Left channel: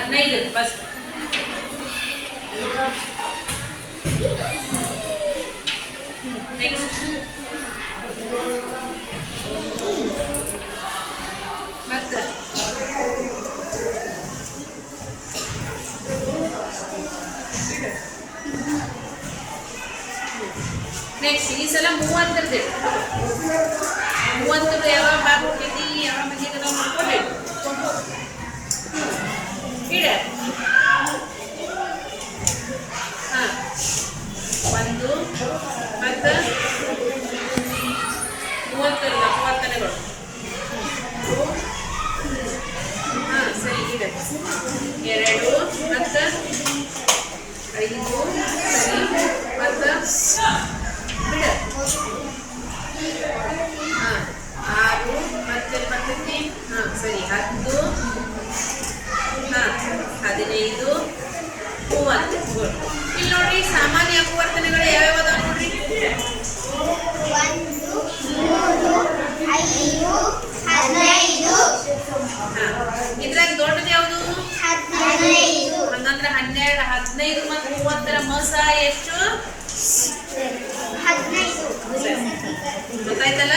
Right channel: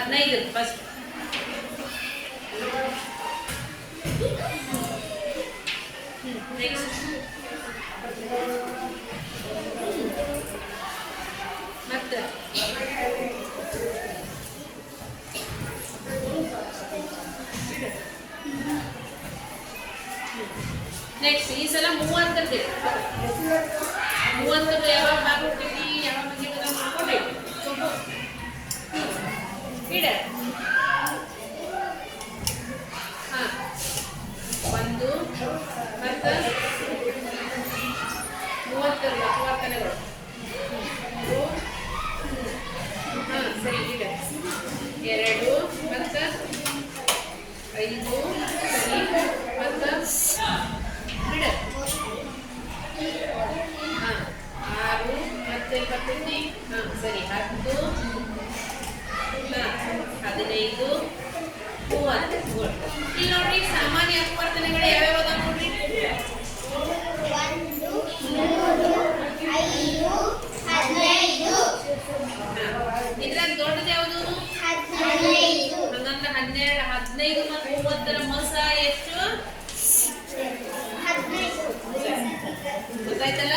15 first. Next ಮತ್ತೆ next ಈ ಸಲ 30 ಯಾವಾಗ ಬಾರ್ಬಿಟ್ಟಿದ್ದಿ ಯಾವಾಗ ಬಂದಿದ್ದದ ಮಾಡ್ಕೊಂಡೆ ಇಡ. ಹಾಂ 1 ಮತ್ತು 30 30ಗಳು. ಹಾಂ ಸರಿ ಇಡ. 2 ಮತ್ತು 5 ಸರಿ ಮತ್ತು ಬಿಡ. ಹಾಂ 6 ಮತ್ತೆ ಬರ್ತಿದ್ದಿ. ಹಾಂ ಸರಿ 10 ಹಾಂ 15 30. ಇಲ್ಲಿ ನೋಡ್ರಿ ಸಾಮಾನ್ಯ ಅಪವರ್ತನಗಳು ಯಾವ್ಯಾವ ಅದಾವ ನೋಡ್ರಿ. 1 3 5 15. ಹಾಂ ಇದ್ರಾಗ ದೊಡ್ಡದು ಯಾವುದು? 15. ಹಂಗಂದ್ರೆ 12 15 ಮತ್ತು 30ರ ಮಸ ಎಷ್ಟು? 15. ಗೊತ್ತಾಯ್ತಲ್ಲ?